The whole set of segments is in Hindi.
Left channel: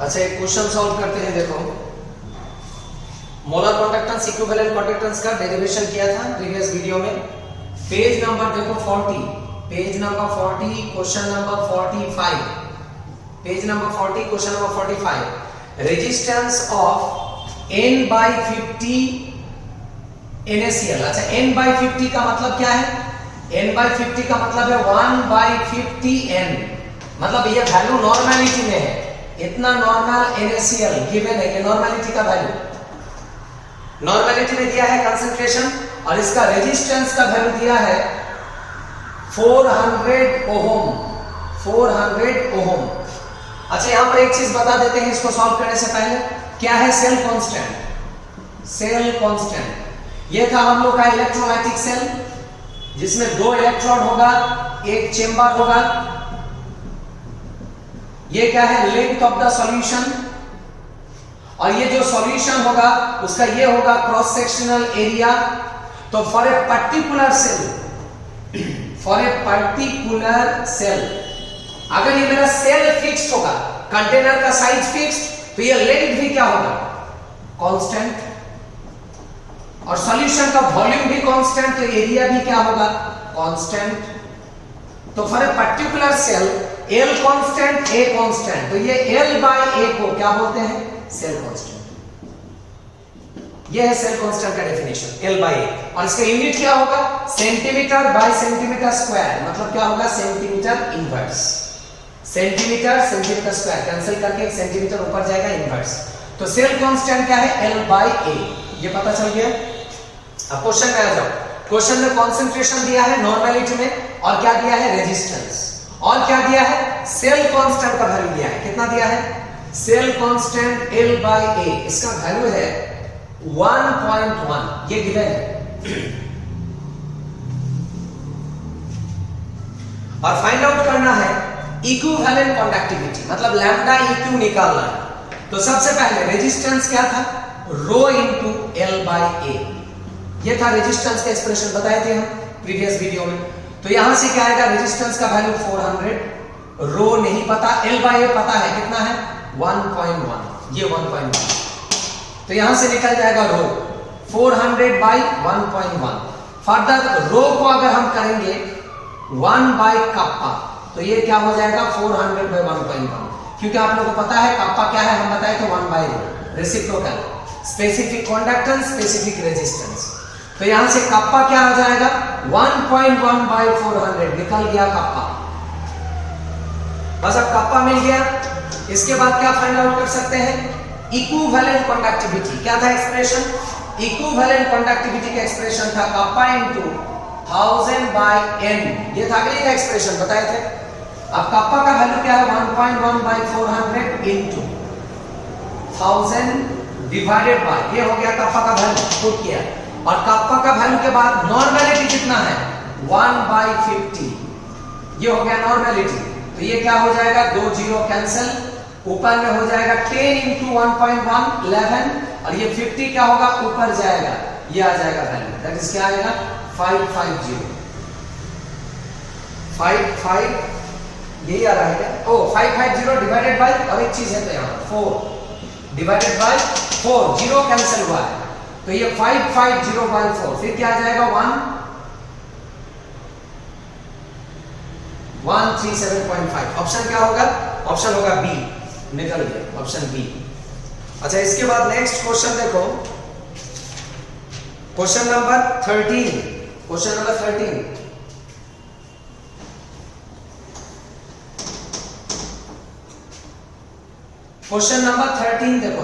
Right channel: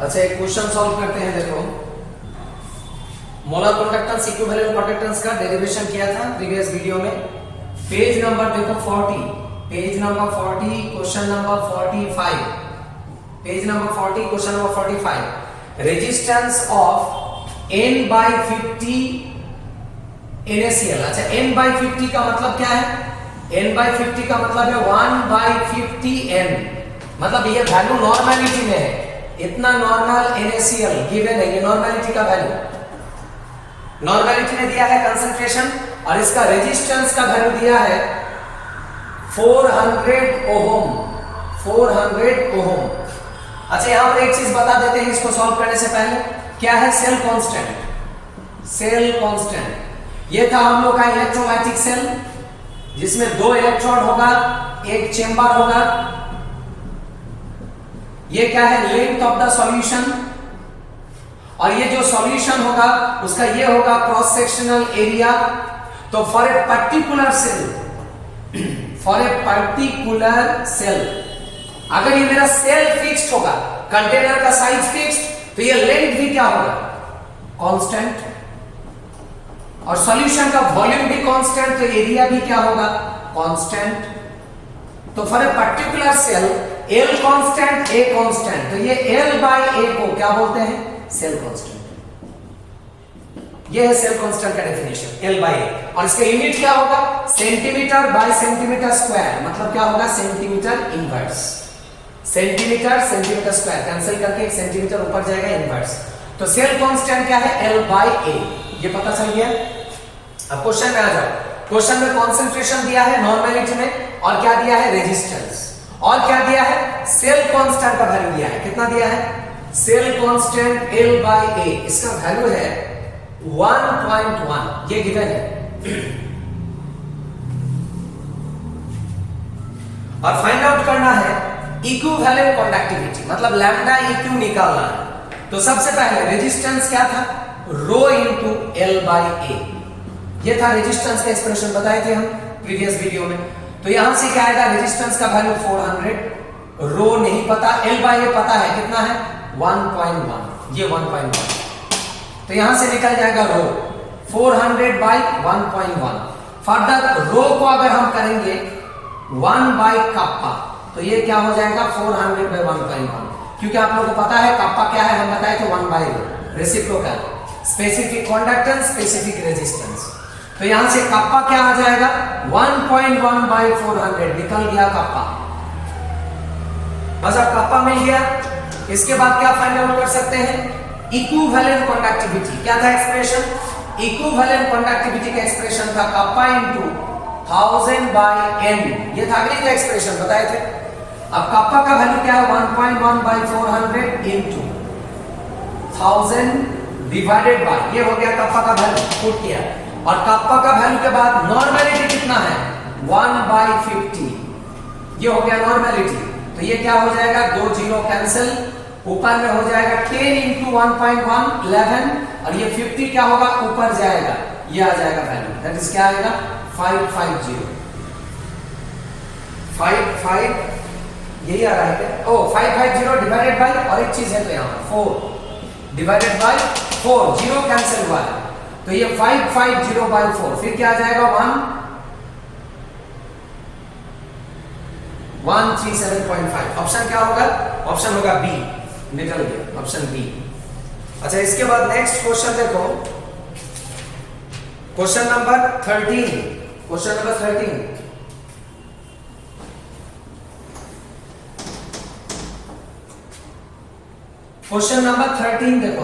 अच्छा एक क्वेश्चन सॉल्व करते हैं। देखो मोलर कंडक्टेंस इक्विवेलेंट कंडक्टेंस का डेरिवेशन किया था प्रीवियस वीडियो में। पेज नंबर देखो 40, page number 40 question number 45, page number 40 question number 45। Resistance of n by 50 NaCl। अच्छा n बाई 50 का मतलब क्या है? n बाई 50 का मतलब है 1 बाई 50n, मतलब ये वैल्यू नॉर्मेलिटी में है। इतना नॉर्मल NaCl गिवन है, ये नॉर्मेलिटी का वैल्यू नॉर्मेलिटी में दिया है कंसंट्रेशन, और इसका रेजिस्टेंस का वैल्यू दिया है 400 ओहम, 400 ओहम। अच्छा यहां पर एक चीज बता देते हैं इसको सॉल्व करने से पहले, क्या है सेल कांस्टेंट। सेल कांस्टेंट ये था हम लोग का इलेक्ट्रोलाइटिक सेल, जिसमें 2 इलेक्ट्रोड होगा, एक चेंबर होगा। ये क्या है? लेंथ ऑफ द सॉल्यूशन, और ये जो सॉल्यूशन होगा उसका ये होगा क्रॉस सेक्शनल एरिया। तो for a particular cell, for a particular cell, अगर ये मेरा सेल फिक्स्ड होगा, कंटेनर का साइज फिक्स्ड, तो ये लेंथ भी क्या होगा? कांस्टेंट। और सॉल्यूशन का वॉल्यूम भी कांस्टेंट, तो एरिया भी क्या होगा? कांस्टेंट। तो for a particular cell L constant, A constant, तो ये L बाय A को क्या बोलते हैं? Cell constant. ये है सेल कांस्टेंट का डेफिनेशन, L बाय A। और इसका यूनिट क्या होगा? सेंटीमीटर बाय सेंटीमीटर स्क्वायर, मतलब क्या होगा? Centimetre inverse. Centimetre centimetre square cancel करके एक सेंटीमीटर ऊपर जाएगा, इनवर्स। तो सेल कांस्टेंट क्या है? L by A। ये पता चल गया। अब क्वेश्चन में आ जाओ। क्वेश्चन में कंसंट्रेशन दिया है नॉर्मेलिटी में, और क्या दिया है? रेजिस्टेंस, और क्या दिया है? सेल कांस्टेंट का वैल्यू दिया है। कितना दिया है? Cell constant L by A, इसका वैल्यू है 1.1, ये गिवन है। और फाइंड आउट करना है इक्विवेलेंट कंडक्टिविटी, मतलब लैम्डा इक्यू निकालना है। तो सबसे पहले रेजिस्टेंस क्या था? Rho into L by A, ये था रेजिस्टेंस का एक्सप्रेशन, बताए थे हम प्रीवियस वीडियो में। तो यहां से क्या आएगा? रेजिस्टेंस का वैल्यू 400, रो नहीं पता, L बाय A पता है, कितना है? 1.1, ये 1.1। तो यहां से निकल जाएगा रो 400 बाय 1.1। फर्दर रो को अगर हम करेंगे 1 बाय कप्पा, तो ये क्या हो जाएगा? 400 बाय 1.1, क्योंकि आप लोगों को पता है कप्पा क्या है, हम बताए थे 1 by rho, reciprocal, specific conductance, specific resistance. तो यहां से कप्पा क्या आ जाएगा? 1.1 बाय 400, निकल गया कप्पा। बस अब कप्पा मिल गया। इसके बाद क्या फाइंड आउट कर सकते हैं? Equivalent conductivity. क्या था एक्सप्रेशन? इक्विवेलेंट कंडक्टिविटी का एक्सप्रेशन था कप्पा इनटू 1000 बाय n, ये था अगली का एक्सप्रेशन, बताए थे। अब कप्पा का वैल्यू क्या है? 1.1 बाय 400 इनटू 1000 डिवाइडेड बाय, ये हो गया कप्पा का वैल्यू, पुट किया। और कप्पा का वैल्यू के बाद नॉर्मेलिटी कितना है? 1 बाय 50, ये हो गया नॉर्मेलिटी। तो ये क्या हो जाएगा? 2 जीरो कैंसिल, ऊपर में हो जाएगा 10 इंटू 1.1 11, और ये 50 क्या होगा? ऊपर जाएगा, ये आ जाएगा वैल्यू, दैट इज क्या आएगा? 550, 55, यही आ रहा है क्या? ओ 550 डिवाइडेड बाय, और एक चीज है तो यहां 4 डिवाइडेड बाय 4, जीरो कैंसिल हुआ है, तो ये 550 बाय 4, फिर क्या आ जाएगा? 137.5। ऑप्शन क्या होगा? ऑप्शन होगा बी, निकल गया ऑप्शन बी। अच्छा इसके बाद नेक्स्ट क्वेश्चन देखो, question number 13, question number 13। Question number 13 देखो,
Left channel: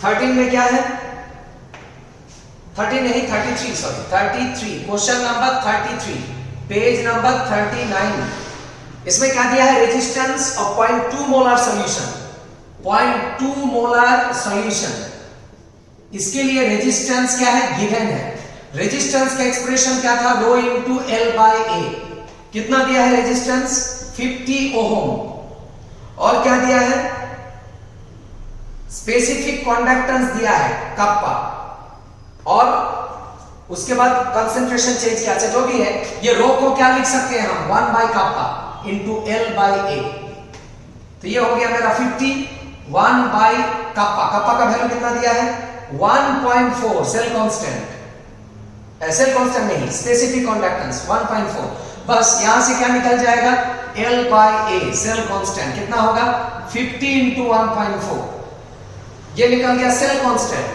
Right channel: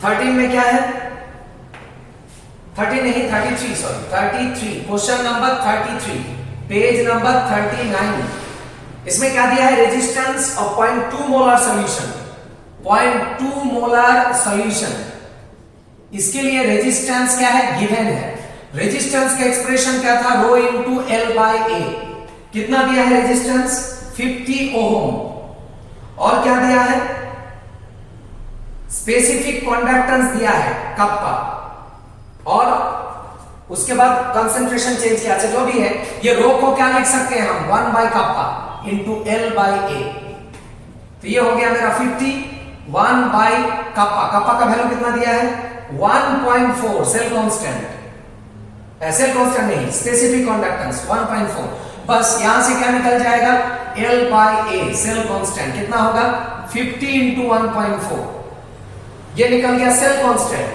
13 में क्या है? 13 नहीं 33, sorry 33, question number 33, page number 39। इसमें क्या दिया है? Resistance of 0.2 molar solution, 0.2 molar solution, इसके लिए रेजिस्टेंस क्या है? गिवन है। रेजिस्टेंस का एक्सप्रेशन क्या था? Rho into L by A। कितना दिया है रेजिस्टेंस? 50 ओहम। और क्या दिया है? स्पेसिफिक कंडक्टेंस दिया है कप्पा, और उसके बाद कंसंट्रेशन चेंज किया। अच्छा जो भी है, ये रो को क्या लिख सकते हैं हम? 1 by kappa into L by A. तो ये हो गया मेरा 50 1 बाई कप्पा। कप्पा का वैल्यू कितना दिया है 1.4 सेल कांस्टेंट, सेल कांस्टेंट नहीं स्पेसिफिक कंडक्टेंस 1.4। बस यहां से क्या निकल जाएगा L by A cell constant कितना होगा 50 इंटू 1.4, ये निकल गया सेल कांस्टेंट।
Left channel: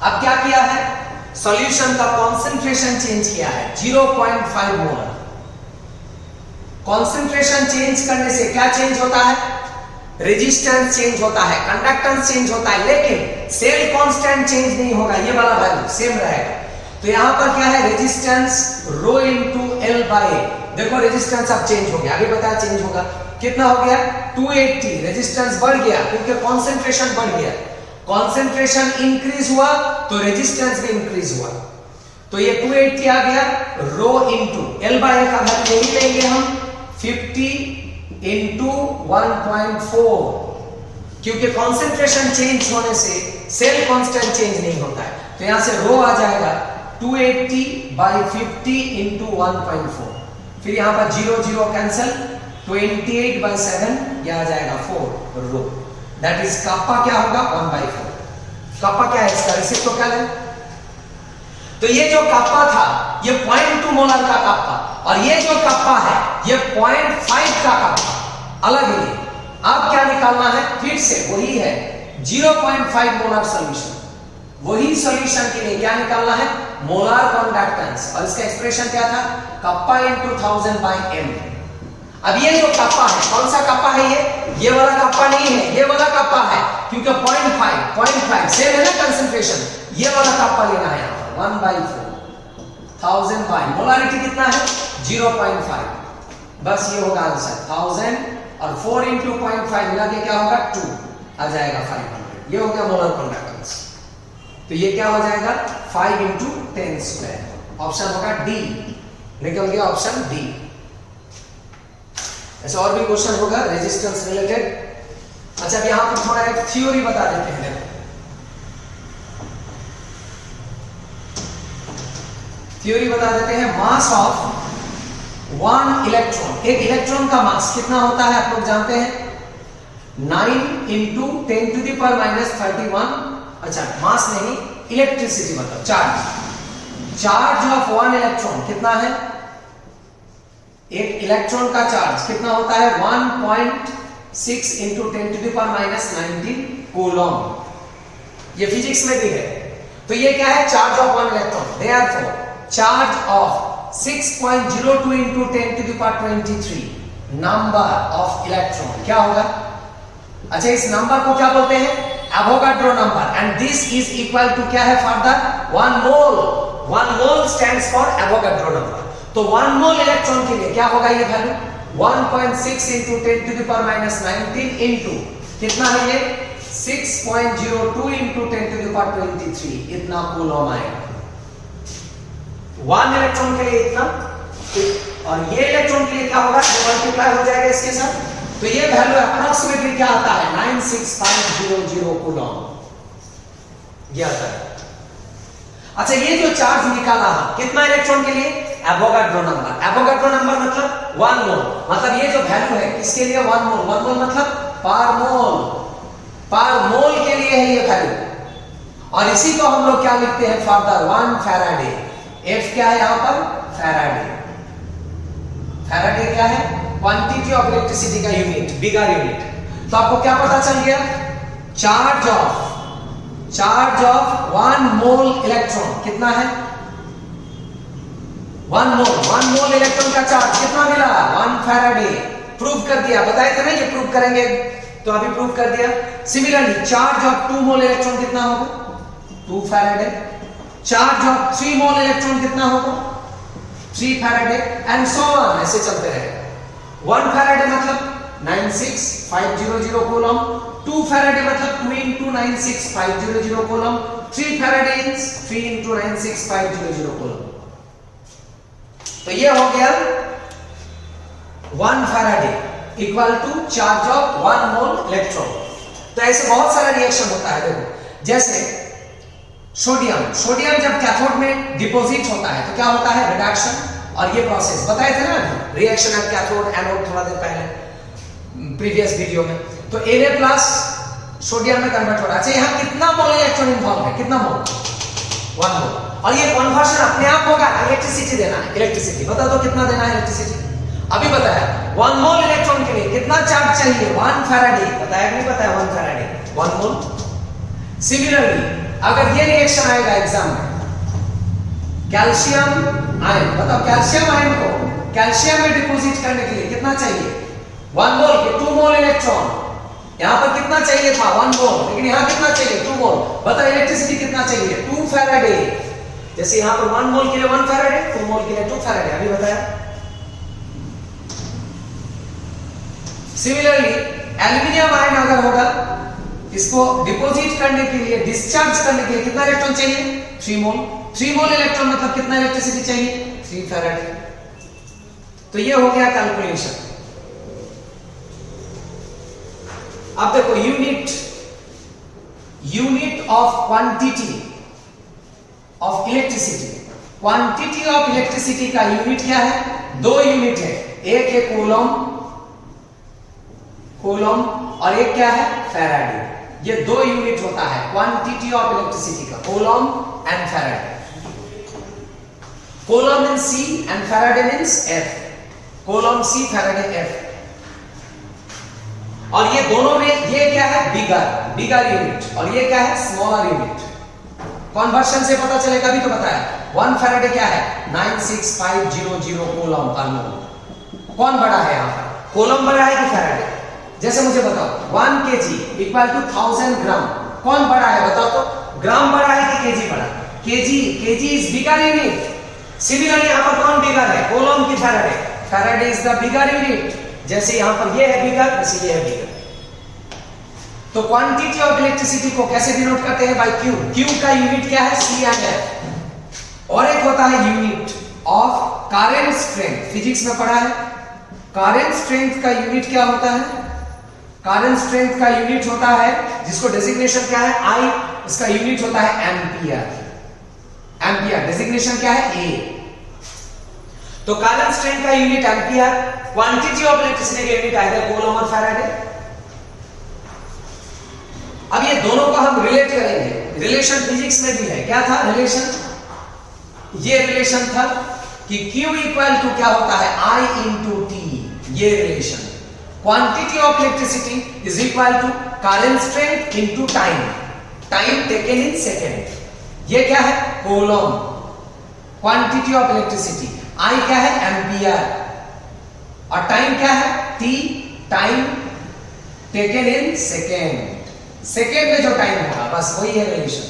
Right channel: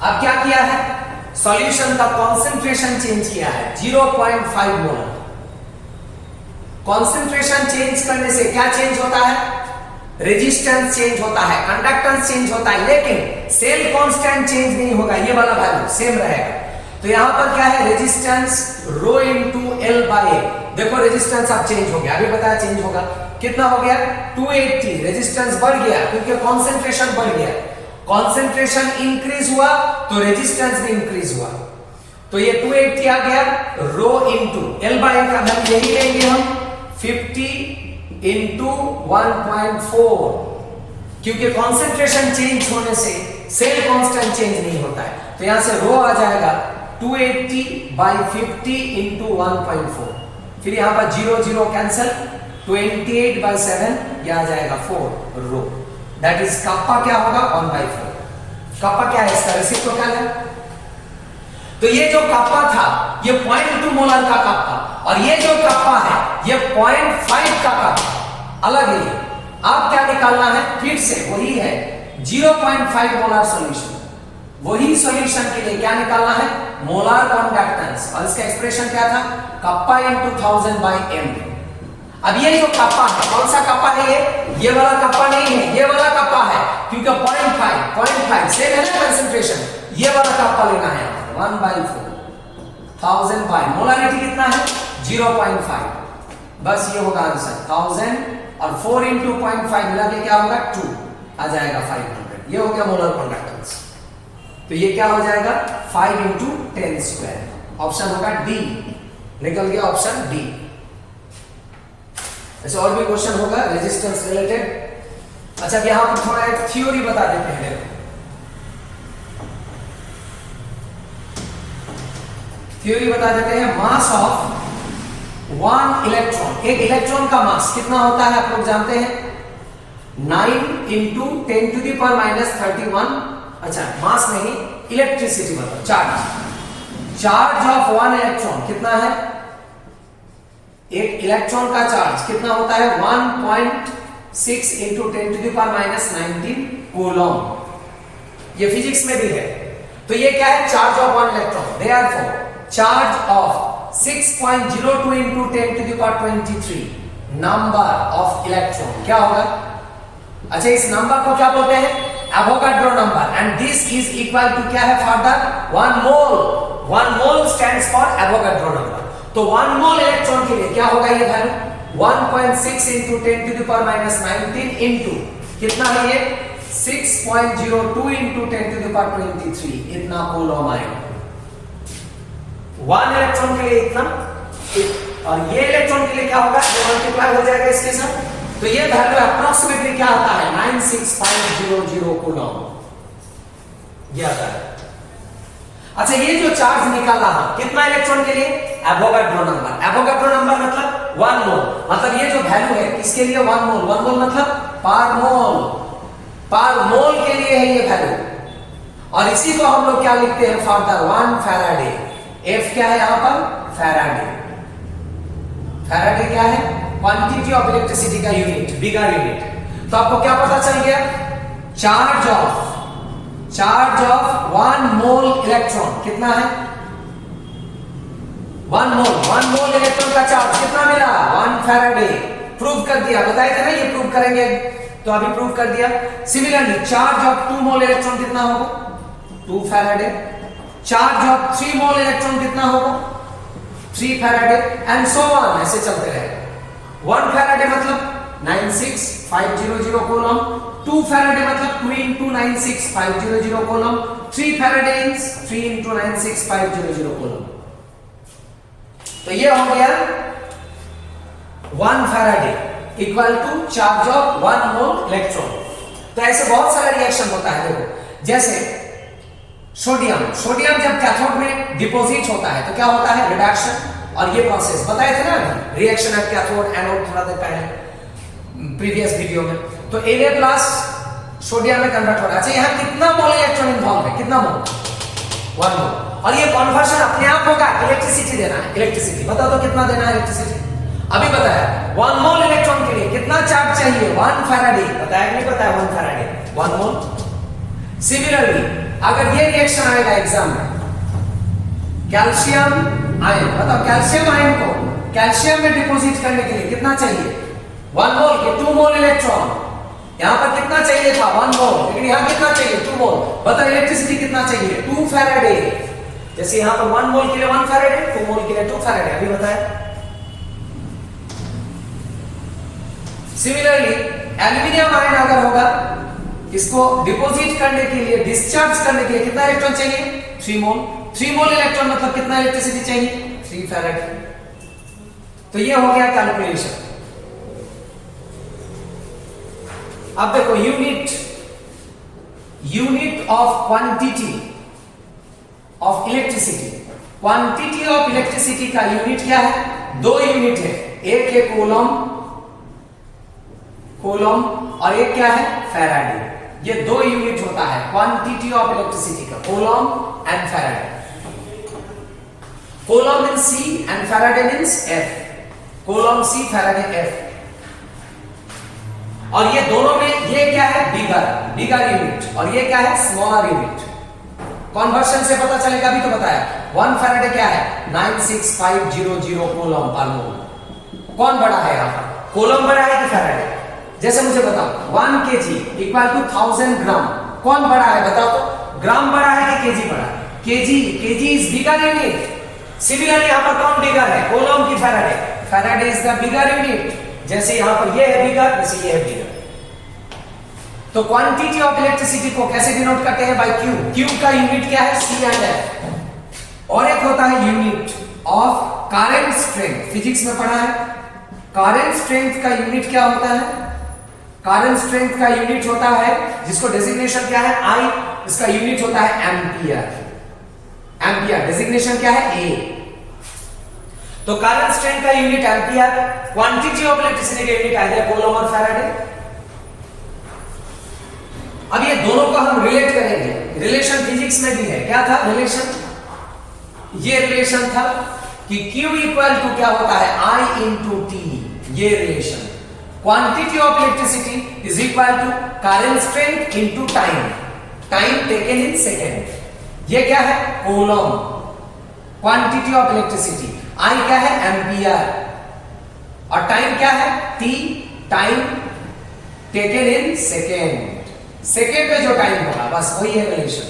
अब क्या किया है सॉल्यूशन का कंसंट्रेशन चेंज किया है 0.5 मोलर। कंसंट्रेशन चेंज करने से क्या चेंज होता है रेजिस्टेंस चेंज होता है, कंडक्टेंस चेंज होता है, लेकिन सेल कांस्टेंट चेंज नहीं होगा, ये वाला वैल्यू सेम रहेगा। तो यहां पर क्या है resistance rho into L by A. देखो रेजिस्टेंस अब चेंज हो गया, अभी बताया चेंज होगा, कितना हो गया 280। रेजिस्टेंस बढ़ गया क्योंकि कंसंट्रेशन बढ़ गया, कंसंट्रेशन इंक्रीज हुआ तो रेजिस्टेंस भी इंक्रीज हुआ। तो ये 280 आ गया रो इनटू एल बाई ए का वैल्यू यही लेंगे हम 50 इंटू 1.4, क्योंकि कंसंट्रेशन चेंज होने से सेल कांस्टेंट चेंज नहीं होता है। तो यहां से रो आ जाएगा 280 बाई 50 इंटू 1.4, फिर यहां पर 0 0 कैंसिल 28 बाई 7 यह आ जाएगा 4 रो। दैट इज कप्पा क्या होगा 1/4। कप्पा क्या है इसका रेसिप्रोकल है। तो ये जो कप्पा था ये 0.2 मोलर का कप्पा, और ये जो कप्पा है ये 0.5 का कप्पा अलग है। अब क्या निकालना है फिर से वही है 0.5 मोलर सॉल्यूशन। वही सॉल्यूशन के लिए क्या निकालना है मोलर कंडक्टेंस, और इसका एक्सप्रेशन क्या था कप्पा इनटू 1000 बाई एम। अब ये जो कप्पा है कौन सा कप्पा है ये वाला कप्पा नहीं है, ये वाला कप्पा है क्योंकि 0.5 सेम है ना कंसंट्रेशन। ये वाला कप्पा लेना है 1/4 1000 बाई मोलारिटी कितना है 0.5। बस ये होगा आंसर 1000 और 4 इंटू 0.5 मिला के क्या होगा 2 आ जाएगा 500। ये हो गया मोलर कंडक्टेंस। तो ये क्या हो जाएगा 5 इंटू 10 स्क्वायर। ऑप्शन होगा डी, निकल गया ऑप्शन डी। ऐसे और भी क्वेश्चन होगा रेजिस्टेंस रिलेटेड। अच्छा यहां पर थोड़ा एक थ्योरी बता देते हैं। थ्योरी बता देते हैं मास ऑफ 1 इलेक्ट्रॉन। एक इलेक्ट्रॉन का मास कितना होता है आप लोग जानते हैं 9 into 10 to the power minus 31। अच्छा मास नहीं इलेक्ट्रिसिटी मतलब चार्ज ऑफ 1 इलेक्ट्रॉन कितना है, एक इलेक्ट्रॉन का चार्ज कितना होता है 1.6 into 10 to the power minus 19 coulomb. ये फिजिक्स में भी है। तो ये क्या है charge of 1 electron, therefore charge of 6.02 into 10 to the power 23 number of electron क्या होगा। अच्छा इस नंबर को क्या बोलते हैं Avogadro number, and this is equal to क्या है further 1 mole. 1 mole stands for Avogadro number. तो 1 मोल इलेक्ट्रॉन के लिए क्या होगा ये value 1.6 into 10 to the power minus 19 into कितना है ये 6.02 इंटू 10 टू द पावर 23 इतना कूलम आएगा। 1 इलेक्ट्रॉन के लिए इतना, और ये इलेक्ट्रॉन के लिए क्या होगा ये मल्टीप्लाई हो जाएगा इसके साथ। तो ये वैल्यू अप्रोक्सीमेटली क्या आता है 96500 कूलम ये आता है। अच्छा ये जो चार्ज निकाला है कितना इलेक्ट्रॉन के लिए एवोगाड्रो नंबर। एवोगाड्रो नंबर मतलब 1 मोल, मतलब ये जो वैल्यू है किसके लिए 1 मोल। 1 मोल मतलब पर मोल, पर मोल के लिए है ये वैल्यू। और इसी को हम लोग क्या लिखते हैं फर्दर 1 फैराडे। एफ क्या है यहां पर फैराडे। फैराडे क्या है क्वांटिटी ऑफ इलेक्ट्रिसिटी का यूनिट, बिगर यूनिट। तो आपको क्या पता चल गया चार्ज ऑफ 1 मोल इलेक्ट्रॉन कितना है 1 मोल इलेक्ट्रॉन का चार्ज कितना मिला 1 फैराडे। प्रूव कर दिया, बताए थे ना ये प्रूव करेंगे, तो अभी प्रूव कर दिया। Similarly charge of 2 mole electron कितना होगा 2 Faraday. Charge of 3 mole electron कितना होगा 3 फैराडे, एंड सो ऑन ऐसे चलते रहेगा। 1 फैराडे मतलब 96500 कूलम, 2 फैराडे मतलब 2 into 96500 coulomb, 3 faraday means 3 into 96500 coulomb. तो ये हो गया 1 faraday equal to charge of 1 mole electron. तो ऐसे बहुत सारा रिएक्शन होता है। देखो जैसे सोडियम जब कैथोड में डिपोजिट होता है तो क्या होता है रिडक्शन और ये प्रोसेस बताए थे ना रिएक्शन एट कैथोड एनोड थोड़ा देर पहले प्रीवियस वीडियो में। तो Na प्लस सोडियम में कन्वर्ट हो रहा है। अच्छा यहाँ कितना मोल इलेक्ट्रॉन इन्वॉल्व है, कितना मोल? 1 मोल। और ये कन्वर्शन अपने आप होगा, इलेक्ट्रिसिटी देना है, इलेक्ट्रिसिटी बता दो कितना देना है इलेक्ट्रिसिटी। अभी बताया 1 मोल इलेक्ट्रॉन के लिए कितना चार्ज चाहिए, 1 फैराडे। बताया नहीं बताया 1 फैराडे 1 मोल। सिमिलरली अगर ये रिएक्शन आएगा एग्जाम में, कैल्शियम आयन, बताओ कैल्शियम आयन को कैल्शियम में डिपॉजिट करने के लिए कितना चाहिए, 1 मोल के 2 मोल इलेक्ट्रॉन। यहां पर कितना चाहिए था 1 मोल, लेकिन यहां कितना चाहिए 2 मोल। बताओ इलेक्ट्रिसिटी कितना चाहिए 2 फैराडे। जैसे यहां पर 1 मोल के लिए 1 फैराडे, 2 मोल के लिए 2 फैराडे। अभी बताया। सिमिलरली एल्यूमिनियम आयन अगर होगा, इसको डिपॉजिट करने के लिए, डिस्चार्ज करने के लिए कितना इलेक्ट्रॉन चाहिए 3 मोल। 3 मोल इलेक्ट्रॉन मतलब कितना इलेक्ट्रिसिटी चाहिए 3 फैराडे। तो ये हो गया कैलकुलेशन। अब देखो unit of quantity of electricity. Quantity of electricity का यूनिट क्या है, 2 यूनिट है, एक है कूलम और एक क्या है फैराडे। ये 2 यूनिट होता है क्वांटिटी ऑफ इलेक्ट्रिसिटी का, coulomb and Faraday. Coulomb means C and Faraday means F। Coulomb C Faraday F। और ये दोनों में ये क्या है बिगर यूनिट और ये क्या है स्मॉलर यूनिट। कन्वर्शन से पता चलेगा, भी तो बताया 1 फैराडे क्या है 96500 कूलम पर मोल। कौन बड़ा है यहां पर, कूलम बड़ा है कि फैराडे? जैसे मुझे बताओ 1 kg इक्वल टू 1000 ग्राम, कौन बड़ा है बताओ तो? ग्राम बड़ा है कि केजी बड़ा? KG is bigger unit. Similarly यहां पर कौन बिगर है, कूलम की Faraday? Faraday is the bigger unit. जैसे यहां पर ये है बिगर, वैसे ये है बिगर। तो क्वांटिटी ऑफ इलेक्ट्रिसिटी को कैसे डिनोट करते हैं, बाय Q। Q का यूनिट क्या है C एंड F। और एक होता है unit of current strength, physics में पढ़ा है। करंट स्ट्रेंथ का यूनिट क्या होता है, करंट स्ट्रेंथ का यूनिट होता है जिसको डेजिग्नेशन क्या है I, इसका यूनिट होता है एम्पियर। एम्पियर डेजिग्नेशन क्या है A। तो करंट स्ट्रेंथ का unit ampere, quantity of electricity का यूनिट आइदर कूलम और फैराडे। अब ये दोनों को हम रिलेट करेंगे, रिलेशन फिजिक्स में भी है। क्या था रिलेशन, ये रिलेशन था कि Q इक्वल टू क्या होता है I इंटू T। ये relation quantity of electricity is equal to current strength into time taken in second. ये क्या है coulomb, quantity of electricity. I क्या है एम्पियर और टाइम क्या है T, time taken in second. Second में जो टाइम होगा बस वही है रिलेशन,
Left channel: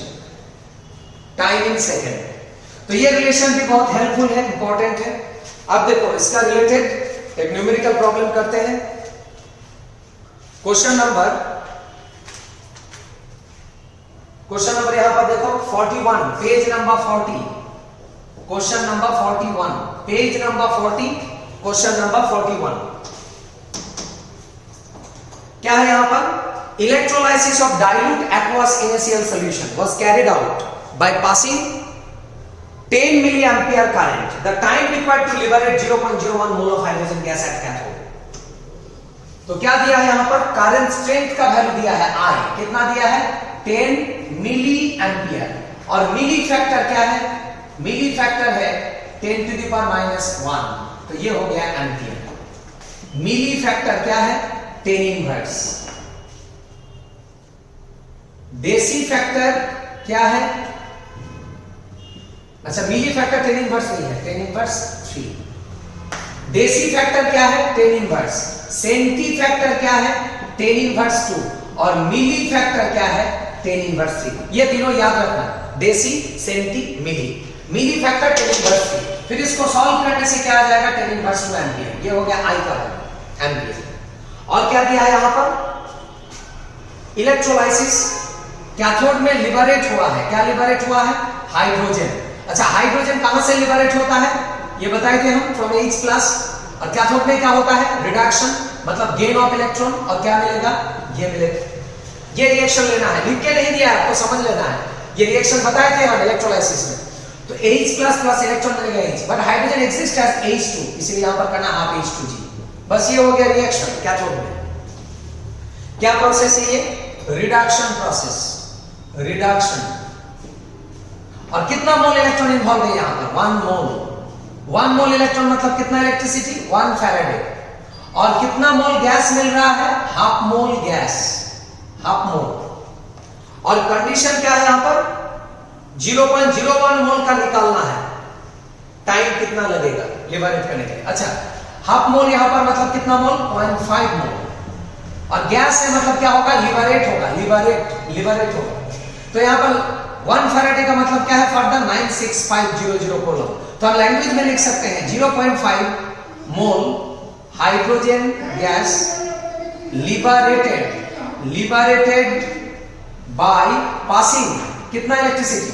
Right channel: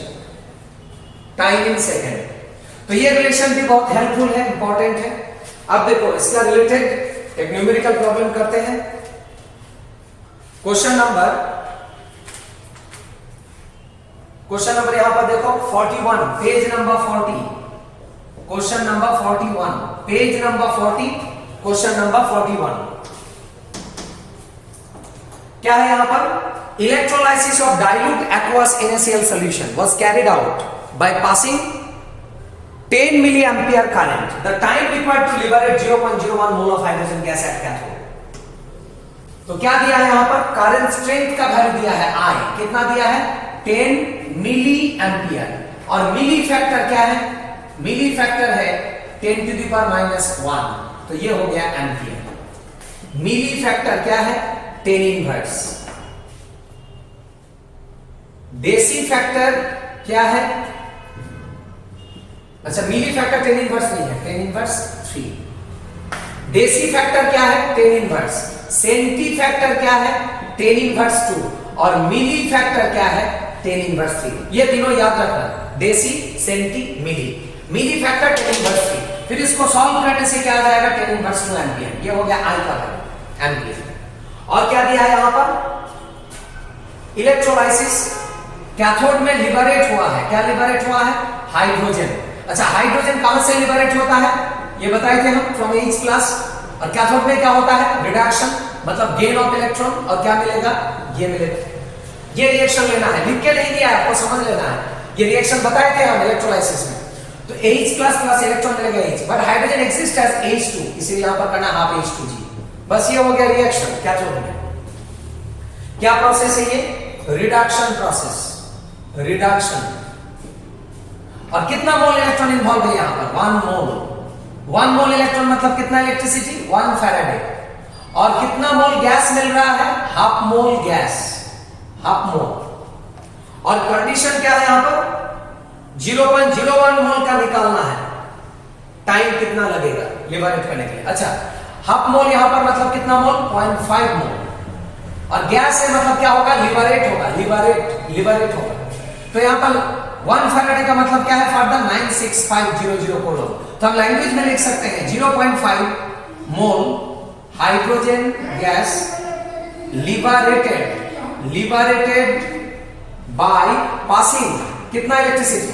टाइम इन सेकेंड। तो ये रिलेशन भी बहुत हेल्पफुल है, इंपॉर्टेंट है। अब देखो इसका रिलेटेड एक न्यूमेरिकल प्रॉब्लम करते हैं। क्वेश्चन नंबर यहां पर देखो 41, page number 40, question number 41, page number 40, question number 41। क्या है यहां पर, electrolysis of dilute aqueous NaCl solution was carried out by passing 10 milliampere current. The time required to liberate 0.01 mole of hydrogen gas at cathode. तो क्या दिया है यहां पर, करंट स्ट्रेंथ का वैल्यू दिया है I, कितना दिया है 10 मिली एम्पियर। और मिली फैक्टर क्या है, मिली फैक्टर है 10 to the power -1, तो ये हो गया एम्पियर। मिली फैक्टर क्या है 10 इनवर्स। देसी फैक्टर क्या है, अच्छा मिली फैक्टर 10 इनवर्स नहीं है, 10 इनवर्स 3। देसी फैक्टर क्या है 10 इनवर्स। सेंटी फैक्टर क्या है 10 इनवर्स 2 और मिली फैक्टर क्या है 10 इनवर्स 3। ये तीनों याद रखना, देसी, सेंटी, मिली। मिली फैक्टर 10 इनवर्स 3। फिर इसको सॉल्व करने से क्या आ जाएगा 10 इनवर्स 2 एम्पियर। ये हो गया I का वैल्यू एम्पियर। और क्या दिया है यहां पर, इलेक्ट्रोलाइसिस कैथोड में लिबरेट हुआ है। क्या लिबरेट हुआ है, हाइड्रोजन। अच्छा हाइड्रोजन कहां से लिबरेट होता है, ये बताए थे हम, फ्रॉम H+। और कैथोड में क्या होता है रिडक्शन, मतलब गेन ऑफ इलेक्ट्रॉन। और क्या मिलेगा, ये मिलेगा। ये रिएक्शन लेना है, लिख के नहीं दिया आपको, समझ लेना है। ये रिएक्शन बताए थे हम इलेक्ट्रोलाइसिस में। तो H प्लस प्लस इलेक्ट्रॉन मिलेगा H, but hydrogen exist as H2, इसीलिए यहां पर करना हाफ H2G। बस ये हो गया रिएक्शन कैथोड में। क्या प्रोसेस है ये? Reduction process, reduction. और कितना मोल इलेक्ट्रॉन इन्वॉल्व है यहां पर? 1 मोल। 1 मोल इलेक्ट्रॉन मतलब कितना इलेक्ट्रिसिटी? 1 फैराडे। और कितना मोल गैस मिल रहा है? Half mole gas, half mole. और कंडीशन क्या है यहां पर? 0.01 मोल का निकालना है। टाइम कितना लगेगा लिबरेट करने के लिए? अच्छा, हाफ मोल यहां पर मतलब कितना मोल? 0.5 मोल। और गैस है मतलब क्या होगा? लिबरेट होगा, लिबरेट होगा। तो यहां पर 1 फैराडे का मतलब क्या है? For the 96500 coelom. तो हम लैंग्वेज में लिख सकते हैं 0.5 मोल hydrogen gas liberated by passing कितना इलेक्ट्रिसिटी?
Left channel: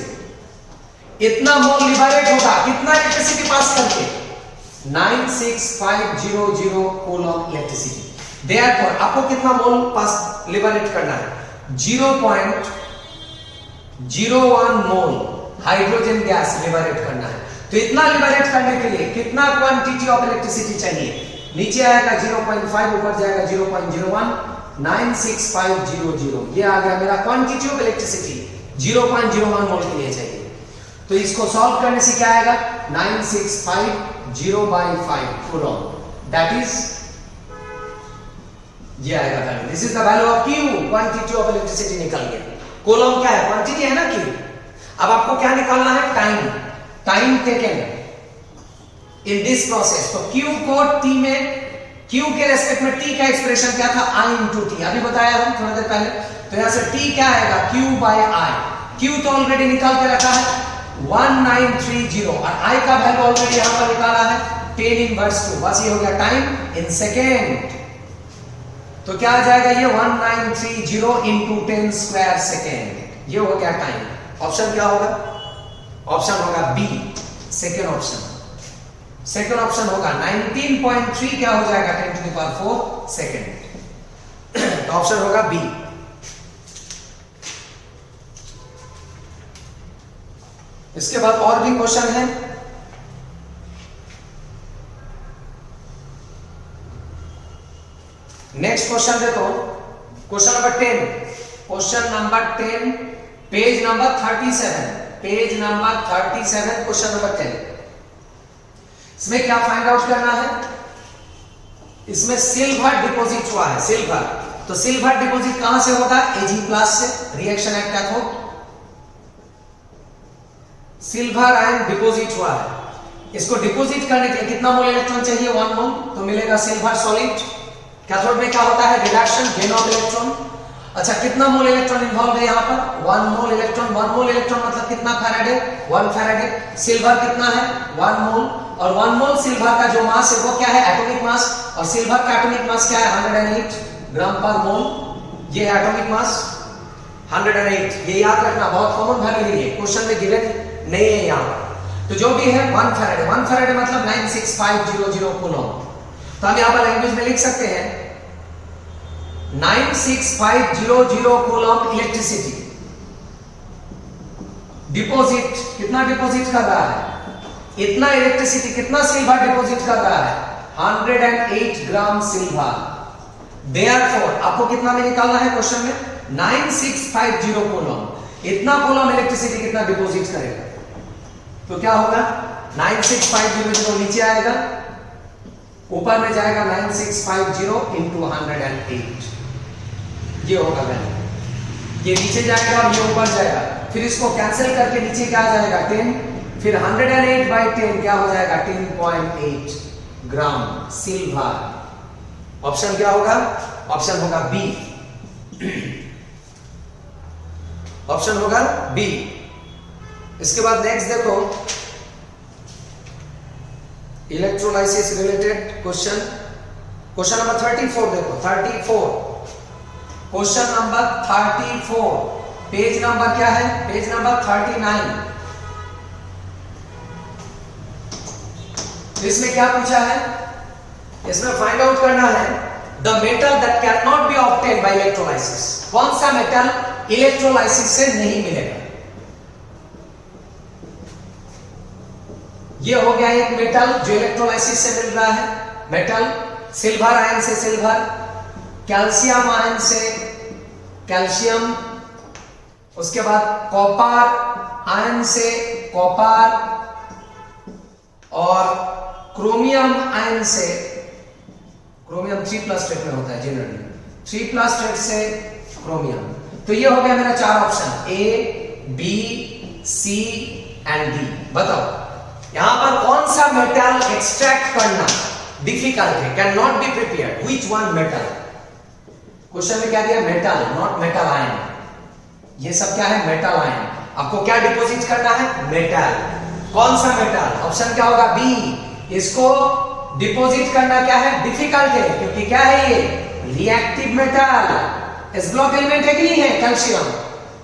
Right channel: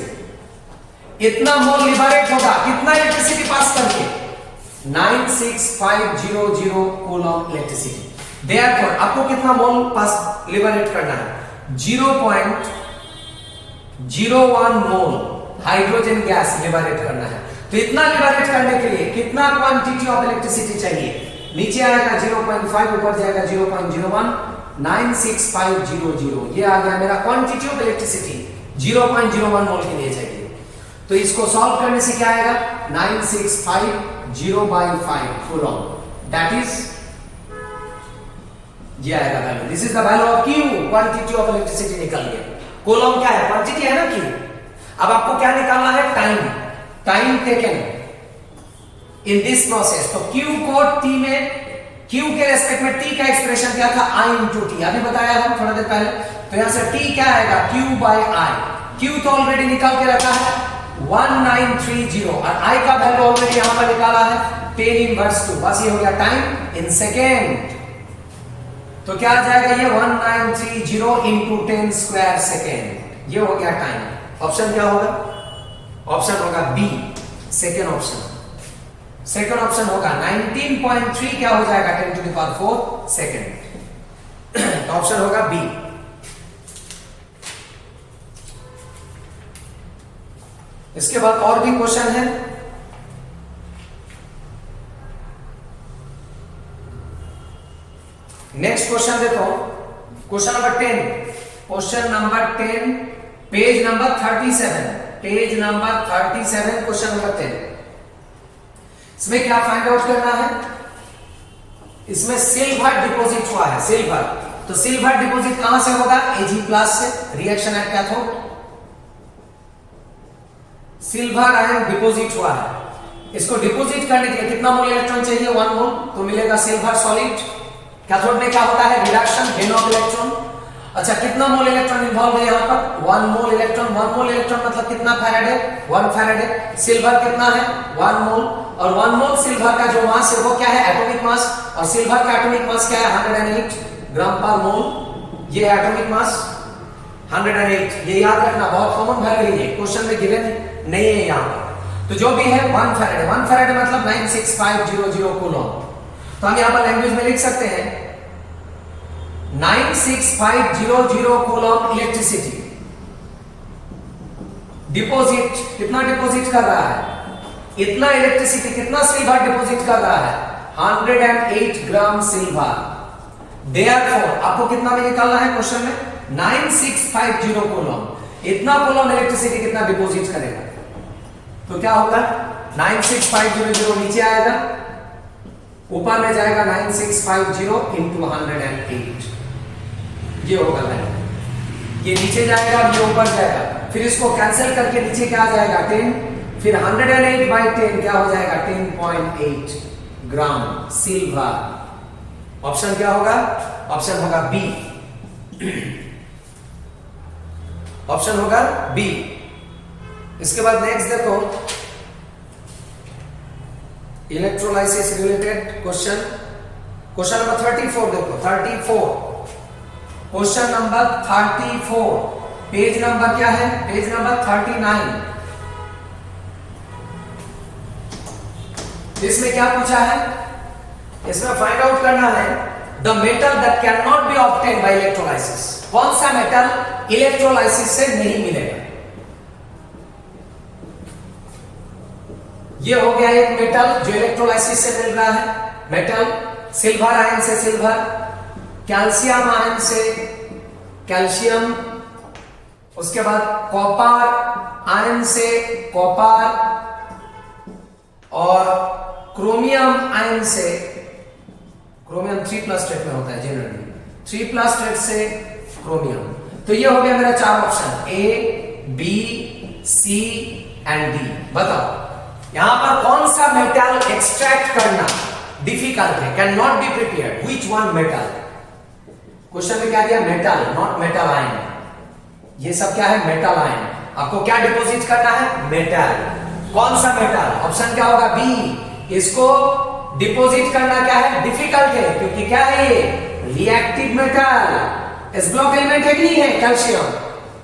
इतना मोल लिबरेट होगा, कितना इलेक्ट्रिसिटी पास करके? 96500 कोलोम इलेक्ट्रिसिटी। देयरफॉर आपको कितना मोल पास लिबरेट करना है? 0.01 मोल हाइड्रोजन गैस लिबरेट करना है। तो इतना लिबरेट करने के लिए कितना क्वांटिटी ऑफ इलेक्ट्रिसिटी चाहिए? नीचे आएगा 0.5, ऊपर जाएगा 0.01, 96500। ये आ गया मेरा क्वांटिटी ऑफ इलेक्ट्रिसिटी 0.01 मोल के लिए चाहिए। तो इसको सॉल्व करने से क्या आएगा? 9650/5 कूलम, दैट इज ये आएगा value. This is the value of Q, quantity of electricity निकल गया। कूलम क्या है? क्वांटिटी है ना Q। अब आपको क्या निकालना है? Time taken in this process. तो Q को T में, Q के रेस्पेक्ट में T का एक्सप्रेशन क्या था? I into T। अभी बताया हम थोड़ा देर पहले। तो यहां से T क्या आएगा? Q/I। Q तो ऑलरेडी निकाल के रखा है 1930, और I का वैल्यू ऑलरेडी यहां पर निकाला है 10 इनवर्स 2। बस ये हो गया टाइम इन सेकेंड। तो क्या आ जाएगा ये? 1930 इंटू 10 स्क्वायर सेकेंड। ये हो गया टाइम। ऑप्शन क्या होगा? ऑप्शन होगा B, second option. Second option होगा 19.3 क्या हो जाएगा? 10⁴ सेकेंड। तो ऑप्शन होगा बी। इसके बाद और भी क्वेश्चन है। नेक्स्ट क्वेश्चन देखो, question number 10। Question number 10, page number 37। Page number 37, question number 10। इसमें क्या फाइंड आउट करना है? इसमें सिल्वर डिपॉजिट हुआ है, सिल्वर। तो सिल्वर डिपॉजिट कहां से होगा? Ag+ से, reaction at cathode. Silver ion deposit हुआ है। इसको डिपॉजिट करने के लिए कितना मोल इलेक्ट्रॉन चाहिए? 1 मोल। तो मिलेगा सिल्वर सॉलिड। कैथोड में क्या होता है? Reduction, gain of electron. अच्छा, कितना मोल इलेक्ट्रॉन इन्वॉल्व है यहां पर? 1 मोल इलेक्ट्रॉन। 1 मोल इलेक्ट्रॉन मतलब कितना फैराडे? 1 फैराडे। सिल्वर कितना है? 1 मोल। और 1 मोल सिल्वर का जो मास है वो क्या है? Atomic mass. और सिल्वर का एटॉमिक मास क्या है? 108 ग्राम पर मोल। ये है एटॉमिक मास 108। ये याद रखना, बहुत कॉमन वैल्यू है, क्वेश्चन में गिवन नहीं है यहां। तो जो भी है 1 फैराडे। 1 फैराडे मतलब 96500 कूलम। तो हम यहां पर लैंग्वेज में लिख सकते हैं 96500 कूलम इलेक्ट्रिसिटी डिपॉजिट। कितना डिपॉजिट कर रहा है? इतना इलेक्ट्रिसिटी कितना सिल्वर डिपॉजिट कर रहा है? 108 ग्राम सिल्वर। देयरफॉर आपको कितना में निकालना है क्वेश्चन में? 9650 कूलम। इतना कूलम इलेक्ट्रिसिटी कितना डिपॉजिट करेगा? तो क्या होगा? 96500 नीचे आएगा, ऊपर में जाएगा 9650 इंटू 108। ये होगा वैल्यू। ये नीचे जाएगा और ये ऊपर जाएगा। फिर इसको कैंसिल करके नीचे क्या आ जाएगा? 10। फिर 108/10 क्या हो जाएगा? 10.8 ग्राम सिल्वर। ऑप्शन क्या होगा? ऑप्शन होगा बी। ऑप्शन होगा बी। इसके बाद नेक्स्ट देखो, electrolysis related question. Question number 34 देखो, 34। क्वेश्चन नंबर 34, पेज नंबर क्या है? Page number 39। इसमें क्या पूछा है? इसमें फाइंड आउट करना है the metal that can not B obtain bye electrolysis. कौन सा मेटल इलेक्ट्रोलाइसिस से नहीं मिलेगा? ये हो गया एक मेटल जो इलेक्ट्रोलाइसिस से मिल रहा है, मेटल, सिल्वर आयन से सिल्वर, कैल्शियम आयन से कैल्शियम, उसके बाद कॉपर आयन से कॉपर, और क्रोमियम आयन से, क्रोमियम 3+ स्टेट में होता है जनरली, 3+ स्टेट से क्रोमियम। तो ये हो गया मेरा 4 option, A, B, C and D. बताओ यहां पर कौन सा मेटल एक्सट्रैक्ट करना डिफिकल्ट है, can not be prepared, which one metal? Question में क्या दिया? Metal, not metal ion. ये सब क्या है? Metal ion. आपको क्या डिपॉजिट करना है? मेटल। कौन सा मेटल? ऑप्शन क्या होगा? बी। इसको डिपॉजिट करना क्या है? डिफिकल्ट है, क्योंकि क्या है ये? Reactive metal. S block element है कि नहीं है? कैल्शियम।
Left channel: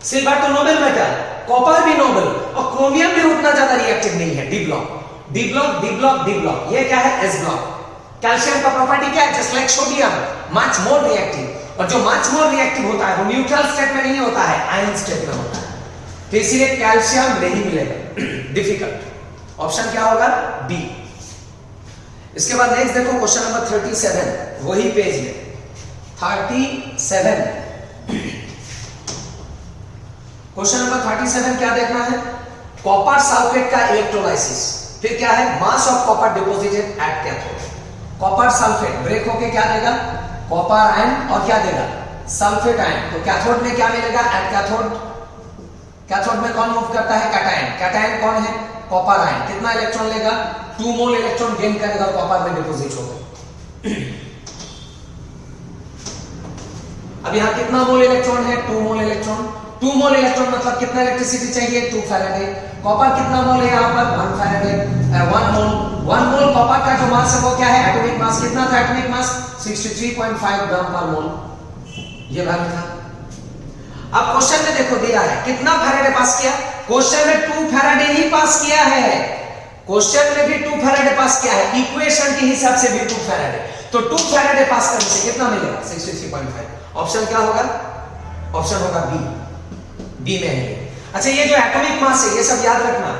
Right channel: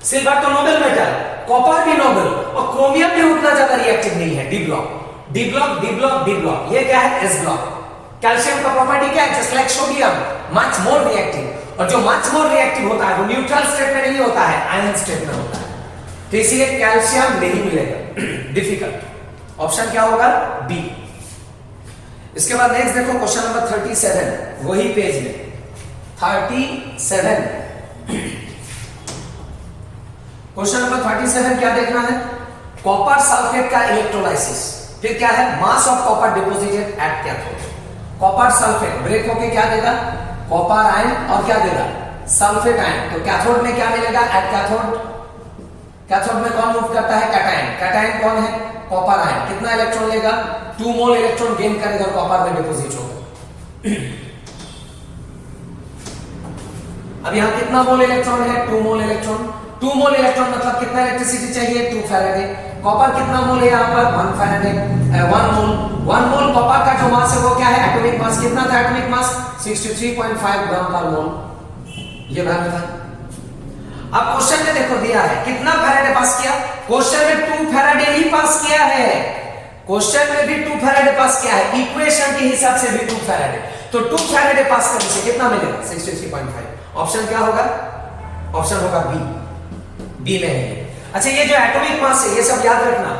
सिल्वर तो नोबल मेटल, कॉपर भी नोबल, और क्रोमियम भी उतना ज्यादा रिएक्टिव नहीं है। D block, D block, D block, D block. ये क्या है? S block. कैल्शियम का प्रॉपर्टी क्या है? Just like sodium, much more reactive. और जो मच मोर रिएक्टिव होता है वो न्यूट्रल स्टेट में नहीं होता है, आयन स्टेट में होता है। तो इसीलिए कैल्शियम नहीं मिलेगा, डिफिकल्ट। ऑप्शन क्या होगा? बी। इसके बाद नेक्स्ट देखो क्वेश्चन नंबर 37, वही पेज में 37। क्वेश्चन नंबर 37 क्या देखना है? कॉपर सल्फेट का इलेक्ट्रोलाइसिस। फिर क्या है? Mass of copper deposited at cathode. Copper sulphate break होके क्या देगा? कॉपर आयन, और क्या देगा? Sulphate ion. तो कैथोड में क्या मिलेगा? एट कैथोड, कैथोड में कौन मूव करता है? कैटायन। कैटायन कौन है? Copper ion. कितना इलेक्ट्रॉन लेगा? 2 मोल इलेक्ट्रॉन गेन करेगा और कॉपर में डिपॉजिट होगा। अब यहां कितना मोल इलेक्ट्रॉन है? 2 मोल इलेक्ट्रॉन। 2 मोल इलेक्ट्रॉन मतलब कितना इलेक्ट्रिसिटी चाहिए? 2 फैराडे। कॉपर कितना मोल है यहां पर? 1 फैराडे, 1 मोल। 1 मोल कॉपर का जो मास है वो क्या है? Atomic mass. कितना था एटॉमिक मास? 63.5 ग्राम पर मोल। ये वैल्यू था। अब क्वेश्चन में देखो दिया है कितना फैराडे पास किया? क्वेश्चन में 2 फैराडे ही पास किया है। क्वेश्चन में भी 2 फैराडे पास किया है, इक्वेशन के हिसाब से भी 2 फैराडे। तो 2 फैराडे पास करने से कितना मिलेगा? 63.5। ऑप्शन क्या होगा? ऑप्शन होगा बी। बी में है। अच्छा, ये जो एटॉमिक मास है ये सब याद रखना।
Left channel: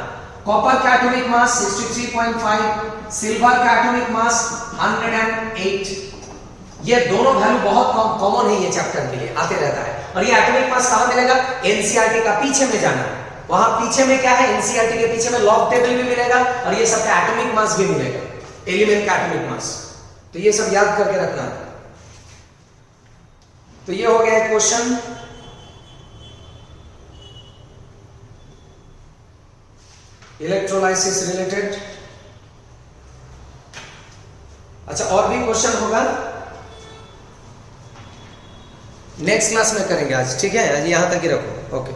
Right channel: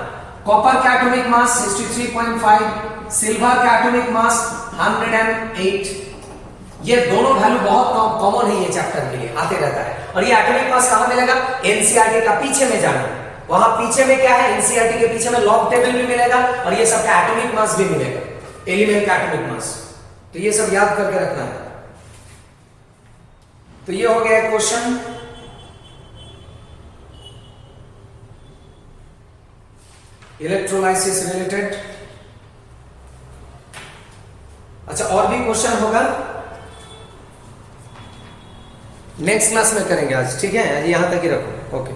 कॉपर का एटॉमिक मास 63.5, सिल्वर का एटॉमिक मास 108। ये दोनों वैल्यू बहुत कॉमन है ये चैप्टर के लिए, आते रहता है। और ये एटॉमिक मास कहां मिलेगा? एनसीईआरटी का पीछे में जाना, वहां पीछे में क्या है? एनसीईआरटी के पीछे में लॉग टेबल भी मिलेगा और ये सबका एटॉमिक मास भी मिलेगा, एलिमेंट का एटॉमिक मास। तो ये सब याद करके रखना है। तो ये हो गया क्वेश्चन। Electrolysis related. अच्छा, और भी क्वेश्चन होगा नेक्स्ट क्लास में करेंगे आज, ठीक है? आज यहां तक ही रखो। ओके।